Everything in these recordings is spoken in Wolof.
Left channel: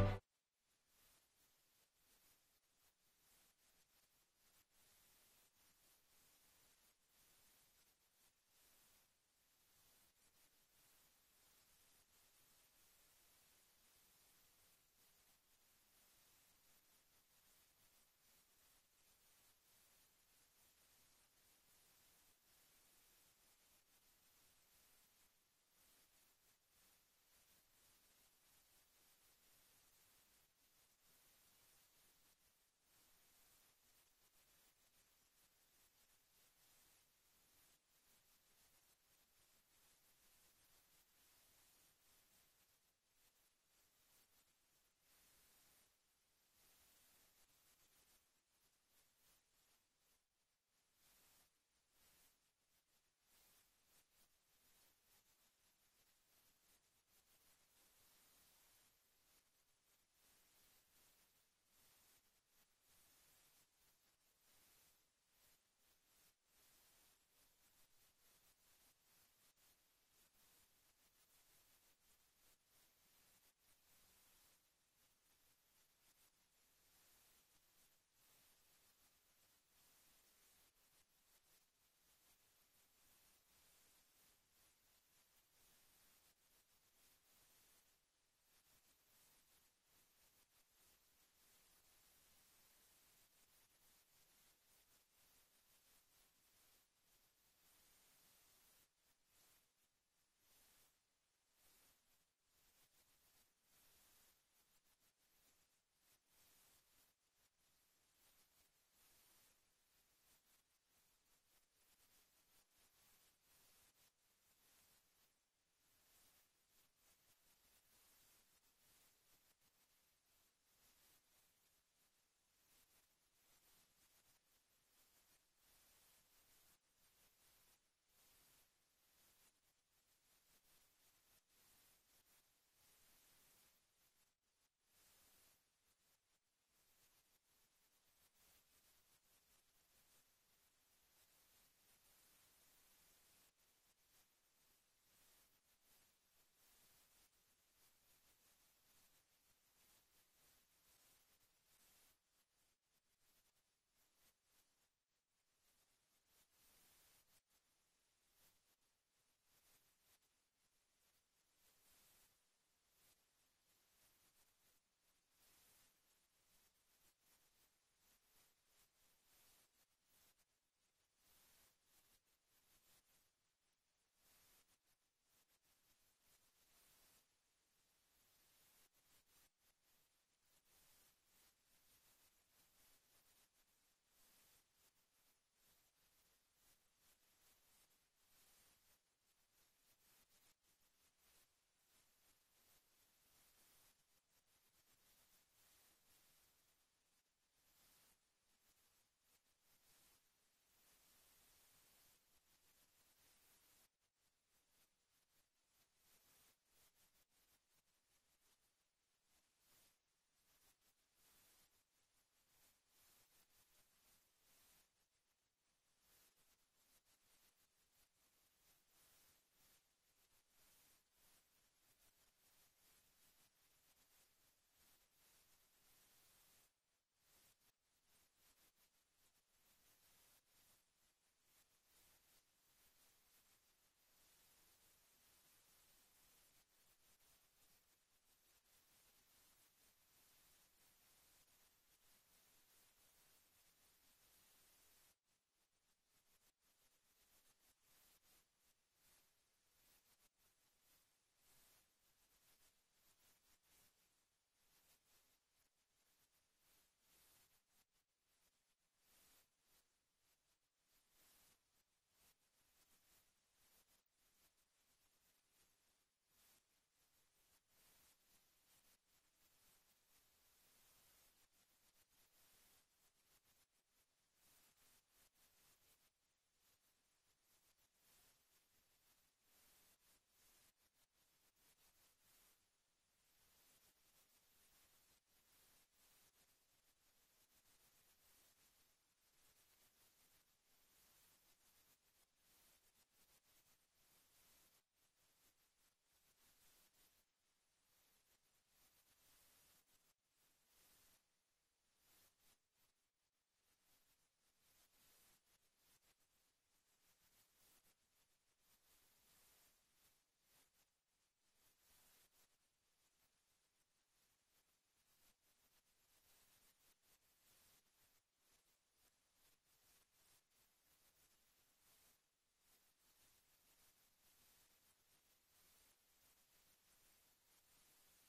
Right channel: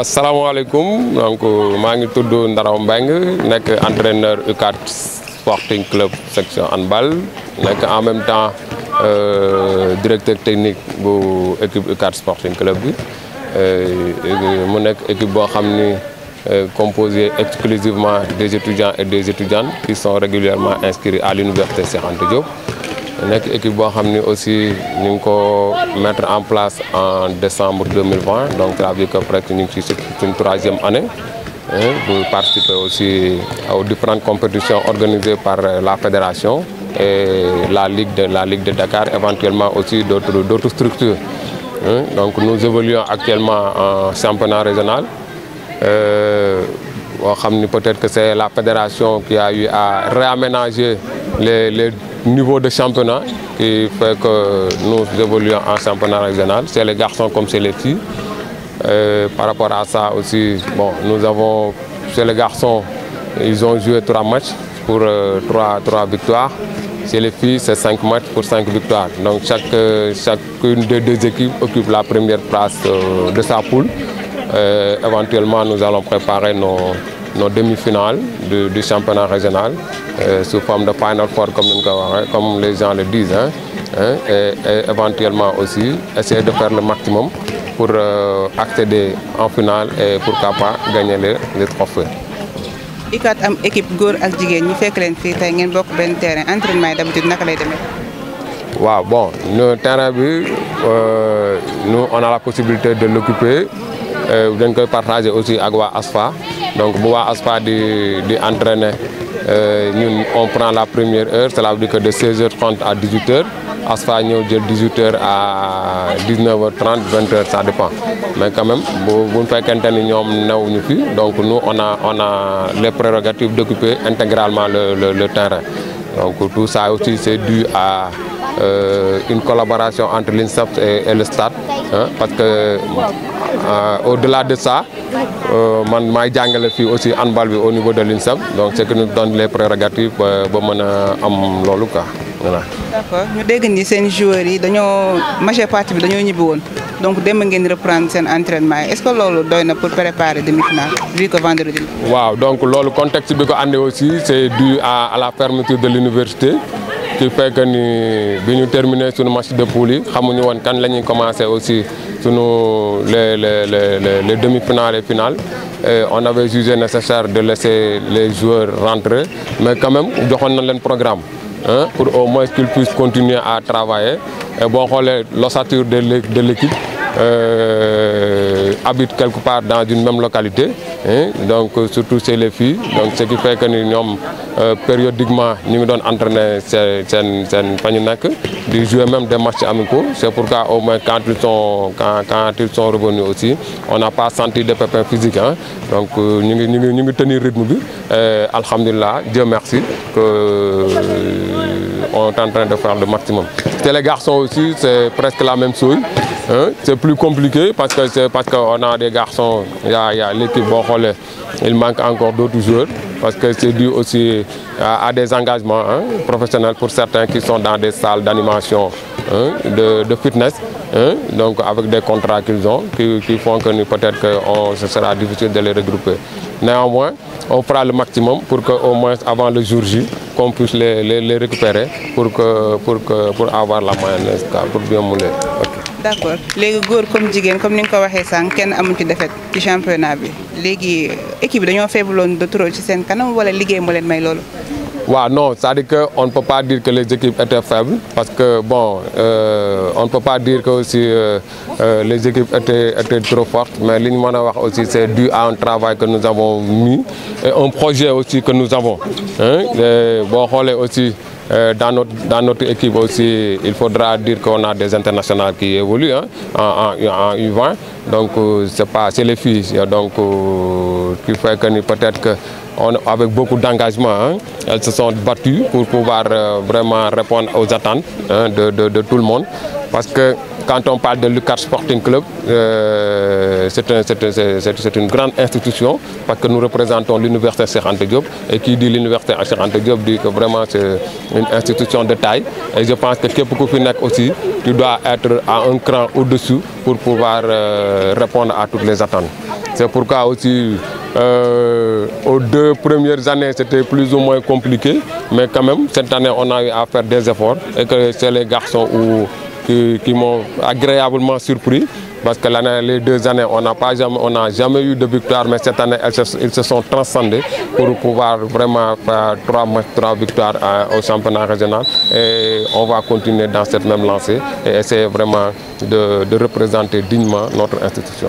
asalaamaaleykum donc maa ngi tudd Ndaraw Mbengue nekk entraîneur UCAD Sporting Club section handball nekk en même temps directeur technique bu équipe UCAD Sporting Club bi mu nekk équipe boo xam ni composée exclusivement des étudiants et des étudiantes qui sont régulièrement inscrits à l'université Cheikh Anta Diop. nekk équipe boo xam ni aussi ñu ngi ko mettre en place en décembre 2020 donc ça veut dire que presque ñu ngi ci suñ troisième année pour participer aussi aux différentes compétitions organisées par la fédération et la Ligue de Dakar, éventuellement aussi d'autres structures. Donc nous évoluons actuellement en championnat régional. Peut-être que c'est la fédération qui a eu à réaménager les niveaux de championnat qui fait que nous évoluons en championnat régional. C'est les garçons comme c'est les filles. Par rapport à ça aussi, bon, nous avons, chez les garçons, ils ont joué 3 matchs pour 3 victoires. Chez les filles, c'est 5 matchs pour 5 victoires. Donc chacune des 2 équipes occupe la première place de sa poule. Éventuellement, nous allons préparer nos demi-finales du championnat régional sous forme de Final Four, comme les gens le disent. Et éventuellement aussi essayer de faire le maximum pour accéder en finale et pourquoi pas gagner les trophées. UCAD am équipe góor ak jigéen ñi fekk leen fii tey ngeen bokk benn terrain entraînement yi d'habitude naka lay demee. waaw bon le terrain bi nous on a la possibilité de l'occuper dañ koy partager aussi ak waa ASFA donc bu waa ASFA di entraîner ñun on prend la première heure, cela veut dire que de 16h30 à 18h. ASFA ñëw jël 18h à 19h30 20h ça dépend mais quand même bu fekkente ni ñoom newuñu fi donc nous on a les prérogatives d'occuper intégralement le terrain donc tout ça aussi c'est dû à une collaboration entre l'INSEP et le stade parce que au-delà de ça man maay jàngale fii aussi handball bi au niveau de l'INSEP donc c'est que nous donne les prérogatives ba mën a am loolu quoi voilà. D'accord ñu dégg ni seen joueurs yi dañoo majeure partie bi dañoo ñibbi woon donc démb ngeen reprendre seen entraînement yi est-ce que loolu doy na pour préparer demi-finale vu que vendredi. waaw donc loolu contexte bi ko andi aussi c'est dû à la fermeture de l'université qui fait que ni bi ñu terminer suñu match de poule yi xamuñu woon kan la ñuy commencer aussi suñu les demi-finales et finales. On avait jugé nécessaire de laisser les joueurs rentrer mais quand même joxoon nañ leen programme. Pour au moins qu'ils puissent continuer à travailler. Et bon, l'ossature de l'équipe habite quelque part dans une même localité, donc surtout chez les filles. Donc ce qui fait que nous périodiquement nous donnons entraîner de jouer même des matchs amicaux. C'est pourquoi au moins quand ils sont revenus aussi, on n'a pas senti de pépins physiques. Donc nous tenir le rythme. Alhamdulillah, Dieu merci que on est en train de faire le maximum. Chez les garçons aussi, c'est presque la même chose. C'est plus compliqué parce qu'on a des garçons, il y a l'équipe, il manque encore d'autres joueurs parce que c'est dû aussi à des engagements professionnels pour certains qui sont dans des salles d'animation de fitness. Donc avec des contrats qu'ils ont qui font que peut-être que ce sera difficile de les regrouper. Néanmoins, on fera le maximum pour qu'au moins avant le jour J, qu'on puisse les récupérer pour avoir la mayonnaise, pour bien mouler. Okay. D'accord. Les góor comme jigéen comme ni nga ko waxee sànq kenn amu ci défaite ci championnat bi léegi équipe bi dañoo faibloon de trop ci seen kanam wala liggéey moo leen may loolu. Ouais, non, c'est-à-dire qu'on ne peut pas dire que les équipes étaient faibles parce que bon, on ne peut pas dire que aussi les équipes étaient trop fortes, mais l'Inmanawa aussi c'est dû à un travail que nous avons mis et un projet aussi que nous avons. Bon, aussi dans notre équipe aussi, il faudra dire qu'on a des internationales qui évoluent en U20, donc c'est les filles, donc qui fait que peut-être que avec beaucoup d'engagement, elles se sont battues pour pouvoir vraiment répondre aux attentes de tout le monde. Parce que quand on parle de l'UCAD Sporting Club, c'est une grande institution parce que nous représentons l'université Cheikh Anta Diop et qui dit l'université Cheikh Anta Diop dit que vraiment c'est une institution de taille. Et je pense que képp ku fi nekk aussi, tu dois être à un cran au-dessus pour pouvoir répondre à toutes les attentes. C'est pourquoi aussi aux 2 premières années c'était plus ou moins compliqué, mais quand même cette année on a eu à faire des efforts et que c'est les garçons qui m'ont agréablement surpris. Parce que les 2 années, on n'a jamais eu de victoire, mais cette année, ils se sont transcendés pour pouvoir vraiment faire 3 victoires au championnat régional. Et on va continuer dans cette même lancée et essayer vraiment de représenter dignement notre institution.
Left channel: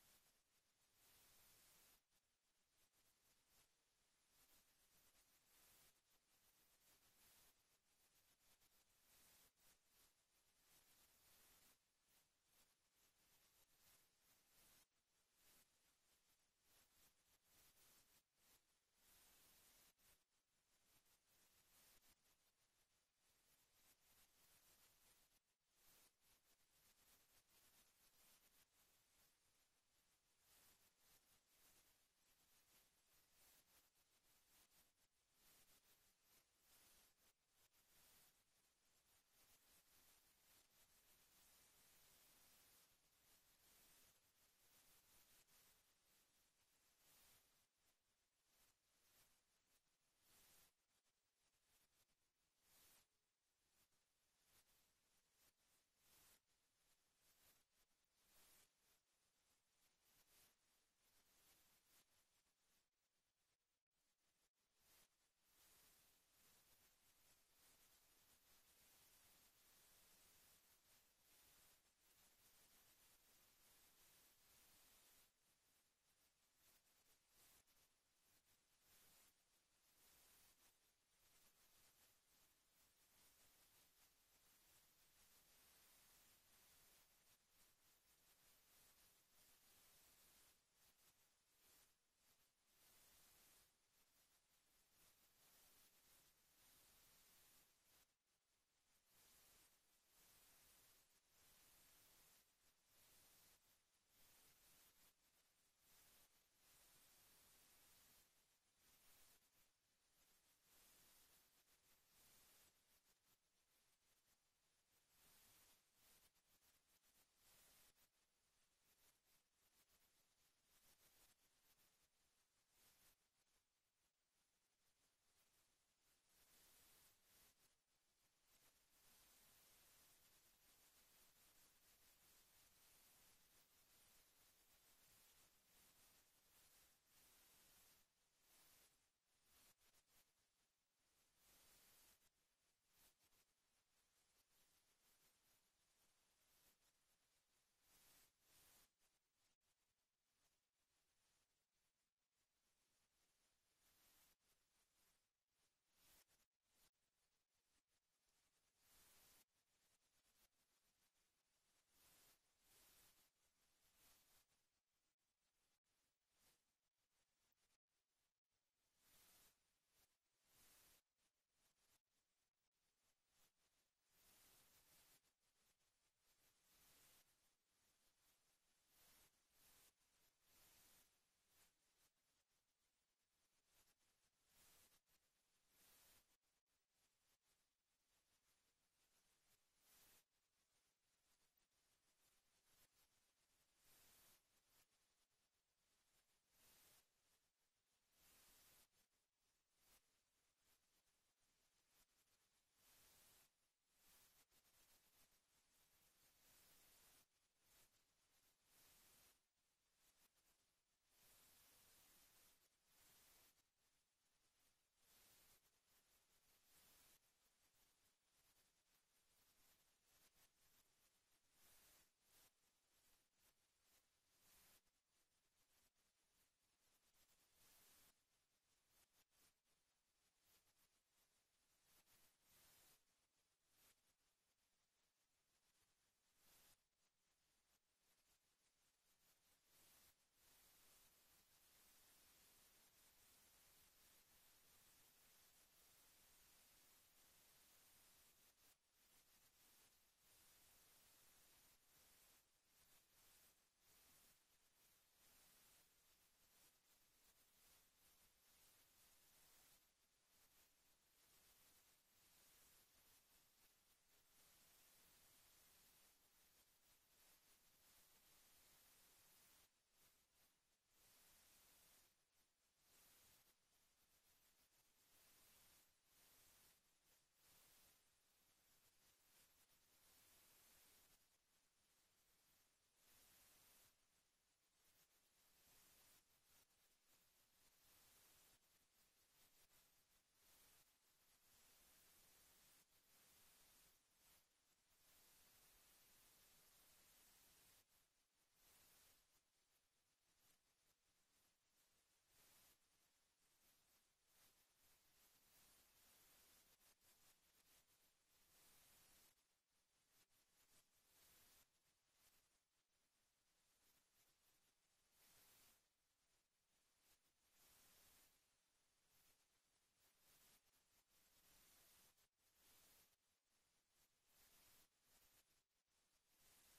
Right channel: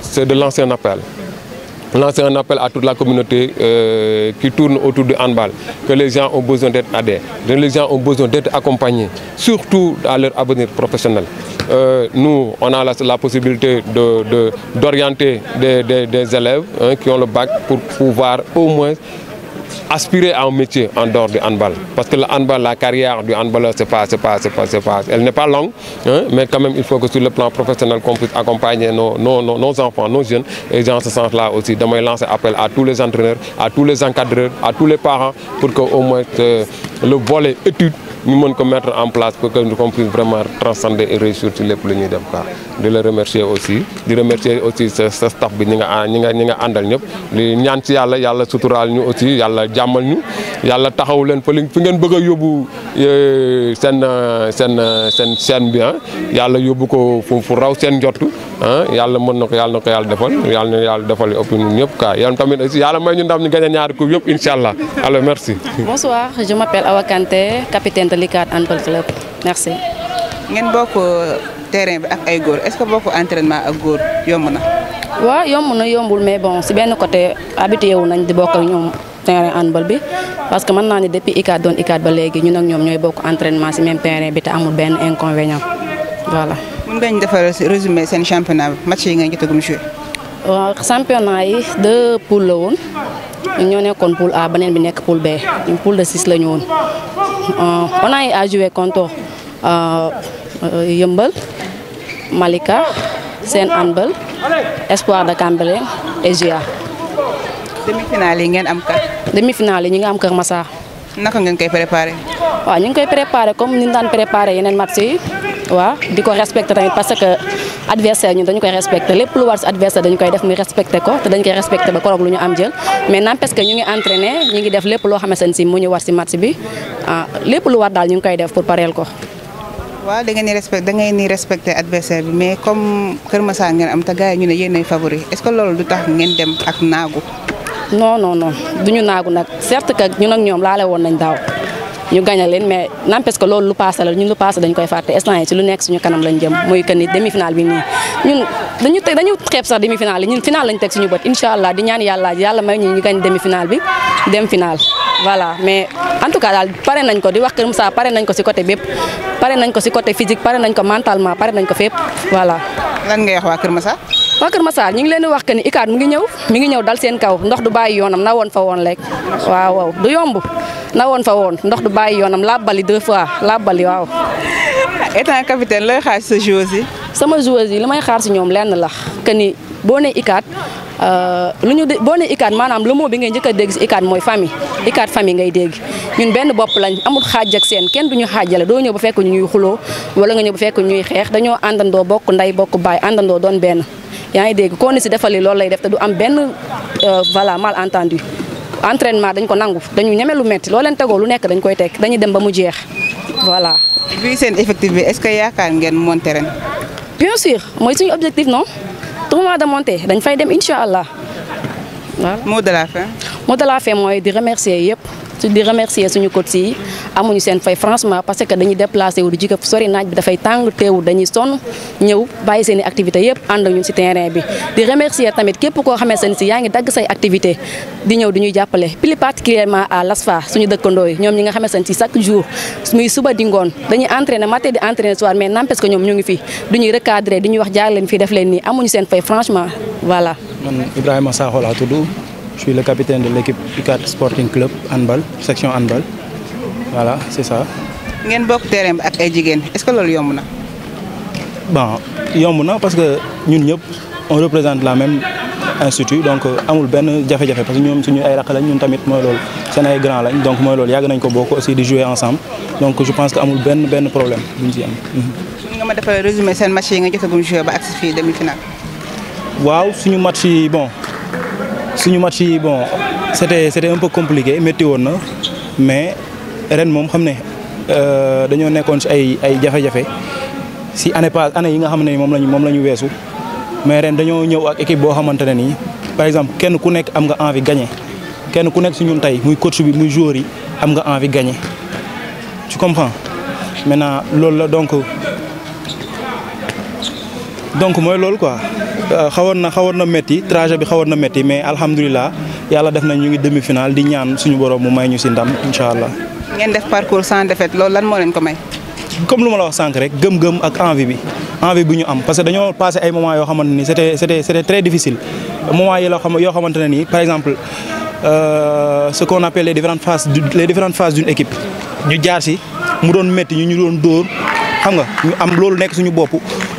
C'est de lancer un appel. Lancer un appel à toute la communauté qui tourne autour du handball, que les gens ont besoin d'être aidés, que les gens ont besoin d'être accompagnés, surtout à leur avenir professionnel. Nous, on a la possibilité d'orienter des élèves qui ont le bac pour pouvoir au moins aspirer à un métier en dehors du handball. Parce que le handball, la carrière du handballeur, elle n'est pas longue, mais quand même il faut que sur le plan professionnel qu'on puisse accompagner nos enfants, nos jeunes. Et dans ce sens-là aussi, de lancer appel à tous les entraîneurs, à tous les encadreurs, à tous les parents, pour qu'au moins le volet études, nous pouvons mettre en place pour que nous puissions vraiment transcender et réussir sur les plans de cas. De le remercier aussi, de remercier aussi ce staff bi ñi nga àndal ñëpp li ñaan ci yàlla suturaal ñu aussi yàlla jàmmal ñu yàlla taxaw leen fa fi ngeen bëgg a yóbbu seen chaîne bi yàlla yóbbu ko fu raw seen njott yàlla mën na ko yàlla defal yàlla defal ëpp ñun ñëpp quoi yàlla tamit aussi yàlla may ñu ndam ñu gagné ñaari coupe yëpp inchallah. Alors merci. Bonsoir, je m'appelle Awa Kanté, capitaine de l'ICAD Handball Club. Merci. ngeen bokk terrain bi ak ay góor est-ce que bokk entraînement ak góor yomb na. waaw yomb na yombul mais bon si benn côté habitué wu nañ di bokk ak ñoom terrain handball bi parce que mën naa ne depuis ICAD doon ICAD ba léegi ñun ak ñoom ñooy bokk entraînement si même terrain bi te amul benn inconvénient voilà. mën nga ñu defal résumé seen championnat bi match yi nga jotagum joué. waaw championnat yi 2 poules la woon ñoo nekkoon poule A beneen bi nekk poule B ñun poule de 6 la ñu woon on a eu à jouer contre Yeumbeul, Malika, Sen Handball, Espoir de Cambérène et GIA. demi-finale yi ngeen am ka. demi-finale yi ñu ngi am Kër Massar. naka ngeen koy préparé. waaw ñu ngi koy préparé comme ni ñu daan préparé yeneen match yi waaw di ko respecté tamit parce que adversaire ñun dañu koy respecté lépp lu war si adversaire dañu koy def muy respecté ko te dañu koy respecté ba koroog lu ñu am jël mais n'empêche que ñu ngi entraîné ñu ngi def lépp loo xamante ne si mu ñu war si match bi lépp lu war daal ñu ngi koy def pour pareel ko. waaw da ngeen ni respecté adversaire bi mais comme Kër Massar ngeen am te gars yi ñu ne yéenay favori est-ce que loolu du tax ngeen dem ak naagu. non duñu naagu nag certes que ñun ak ñoom laale woon nañ daaw ñu gagné leen mais n'empêche que loolu lu passé la ñun lu passé dañ koy fàtte instant yi ci lu nekk suñu kanam lañ jëm muy que ni demi-finale bi nii ñun dañu xeeb sax demi-finale yi ñun finale lañ teg suñu bët incha allah di ñaan yàlla may ñu gañ demi-finale bi dem finale voilà mais en tout cas daal pare nañ ko di wax Kër Moussa pare nañ ko ci côté bépp pare nañ ko ci côté physique pare nañ ko mentalement pare nañ ko fépp voilà. lan ngay wax waa Kër Massar. waa Kër Massar ñu ngi leen di wax que ni ICAD mi ngi ñëw dal seen kaw ndox du bàyyi yoonam na woon fa woon lekk waaw du yomb na woon fa woon ndox du bàyyi yoonam labbali 2 fois labbali waaw. étant capitaine looy xaar sa joueuse yi. sama joueuse yi li may xaar si ñoom lenn la que ni boo nee ICAD boo nee ICAD maanaam le mot bi ngay njëkk a dégg si ICAD mooy famille ICAD famille ngay dégg ñun benn bopp lañ amul xaaj ak seen kenn duñu xaajale doo ñëw ba fekk ñu ñuy xuloo wala nga ñëw ba fekk ñuy xeex dañoo àndandoo bokk ndey bokk baay àndandoo doon benn yaa ngi dégg koo ni si defali loolu lay def te du am benn voilà malentendu entraînement dañ ko nangu dañu ñeme lu metti loo leen tegoo lu nekk dañ koy teg dañuy dem ba mu jeex voilà. bii seen effectif bi est-ce que yaakaar ngeen monter ren. bien sûr mooy suñu objectif non tournoi de montée dañ fay dem incha allah voilà. mot de la fin. mot de la fin mooy di remercier yëpp di remercier suñu coach yi amuñu seen fay franchement parce que dañuy déplacé wu di jóge sori naaj bi dafay tàng teewul dañuy sonn ñëw bàyyi seen i activité yëpp ànd ak ñun si terrain bi di remercier tamit képp koo xamante ne si yaa ngi dagg say activité di ñëw di ñuy jàppale plus particulièrement à l'ASFA suñu dëkkandoo yi ñoom ñi nga xamante ne si chaque jour muy suba di ngoon dañuy entraîner matin di entraîner soir mais n'empêche que ñoom ñu ngi fi du ñuy recadrer di ñuy wax jaar leen fii def leen nii amuñu seen fay franchement voilà. man Ibrahima Sakho laa tudd je suis le capitaine de l'équipe ICAD Sporting Club handball section handball voilà c'est ça. ngeen bokk terrain bi ak ay jigéen est-ce que loolu yomb na. bon yomb na parce que ñun ñëpp on représente la même institut donc amul benn jafe-jafe parce que ñoom suñu ay rakk lañ ñun tamit mooy loolu seen ay grand lañ donc mooy loolu yàgg nañ ko bokk aussi di jouer ensemble donc je pense que amul benn problème buñ ci am. nga ma defal résumé seen match yi nga jotagum joué ba agsi fii demi-finale. waaw suñu match yi bon c'était un peu compliqué métti woon na mais ren moom xam ne dañoo nekkoon ci ay jafe-jafe si année yi nga xam ne moom la ñu weesu mais ren dañoo ñëw ak équipe boo xamante ne nii par exemple kenn ku nekk am nga envie gagner kenn ku nekk si ñun tey muy coach bi muy joueur yi am nga envie gagner tu comprends maintenant loolu la donc mooy loolu quoi xawoon na métti trajet bi xawoon na métti mais alhamdulilah yàlla def nañ ñu ngi demi-finale di ñaan suñu borom mu may ñu si ndam incha allah. ngeen def parcours sans défaite loolu lan moo leen ko may. comme lu ma la wax sànq rek gëm-gëm ak envie bi ñu am parce que dañoo passé ay moments yoo xamante ni c'était très difficile moments yi yoo xamante ne nii par exemple ce qu'on appelle les différentes phases d'une équipe ñu jaar si mu doon métti ñu doon dóor xam nga ñu am loolu nekk suñu bopp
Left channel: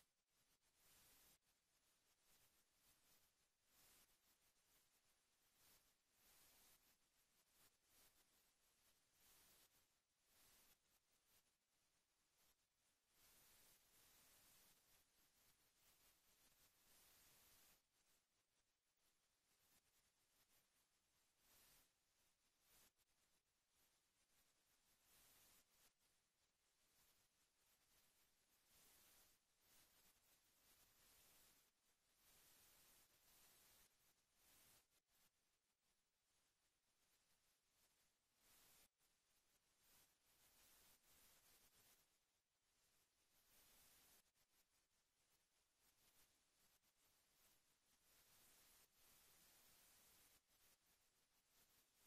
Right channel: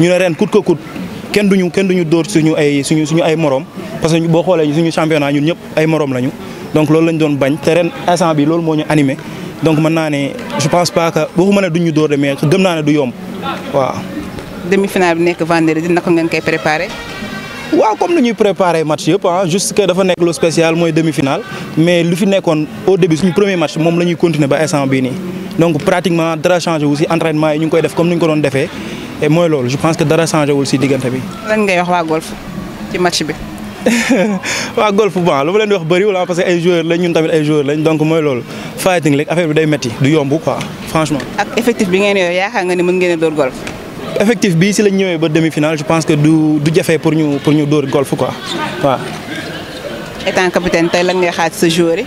ñu ne ren coûte que coûte kenn duñu dóor suñu ay morom parce que boo xoolee suñu championnat ñun ñëpp ay morom lañu donc loolu lañ doon bañ te ren instant bi loolu moo ñu animé donc mën naa ne je pense pas que waxuma ne duñu dóor de mais gëm naa ne du yomb waaw. demi-finale bi nekk vendredi naka ngeen koy préparé. waaw comme ni ñuy préparé match yëpp juste que dafa nekk lu spécial mooy demi-finale mais lu fi nekkoon au début suñu premier match moom la ñuy continuer ba instant bii nii donc pratiquement dara changé wu si entraînement yi ñu ngi koy def comme ni ñu ko doon defee et mooy loolu je pense que dara changé wul si diggante bi. lan ngay wax waa golf ci match bi. waa golf bon lu ma leen di wax bëriwul parce que ay joueurs lañ ñun tamit ay joueurs lañ donc mooy loolu fighting rek affaire bi day métti du yomb quoi franchement. ak effectif bi ngeen yor yaakaar nga ni mën ngeen a dóor golf. effectif bi si lañ ñëwee ba demi-finale je pense que du jafe pour ñu dóor golf quoi waaw. étant capitaine tey lan ngay xaaj sa joueur yi.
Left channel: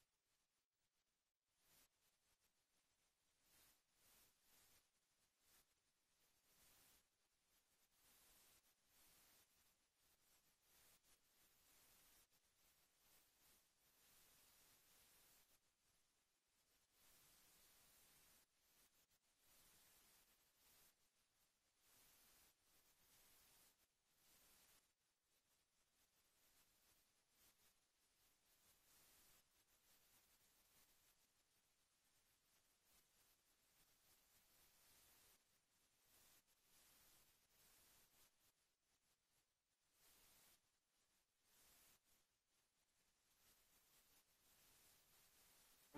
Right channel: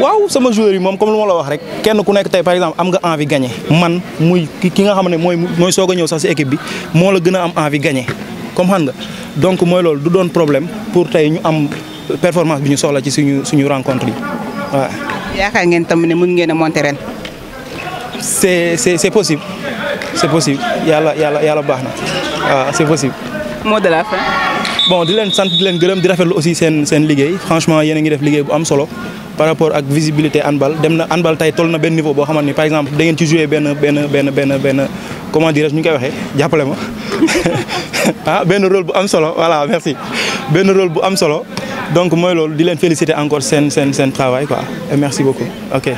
waaw sama joueur yi moom comme lu ma la wax rek kenn ku nekk tey par exemple am nga envie gagner man muy ki nga xam ne mooy soog a ñëw sax si équipe bi moo la gën a am envie gagner comme xam nga donc mooy loolu du doon problème pour tey ñu am performance bi ñu soxla ci suñu rencontre yi waaw. yaakaar ngeen tam ne mën ngeen a monter ren. c'est possible yàlla baax na waaw c'est possible. mot de la fin. bon di leen sant di leen gërëm di rafetlu aussi seen liggéey franchement yéen a ngi def liggéey bu am solo par rapport ak visibilité handball dem na handball tey toll na benn niveau boo xamante ni par exemple da ngeen ci jouer benn comment dirais-je ñu koy waxee jàppale ma benn rôle bu am solo voilà merci benn rôle bu am solo donc mooy loolu di leen féliciter encore seen travail quoi et merci beaucoup ok.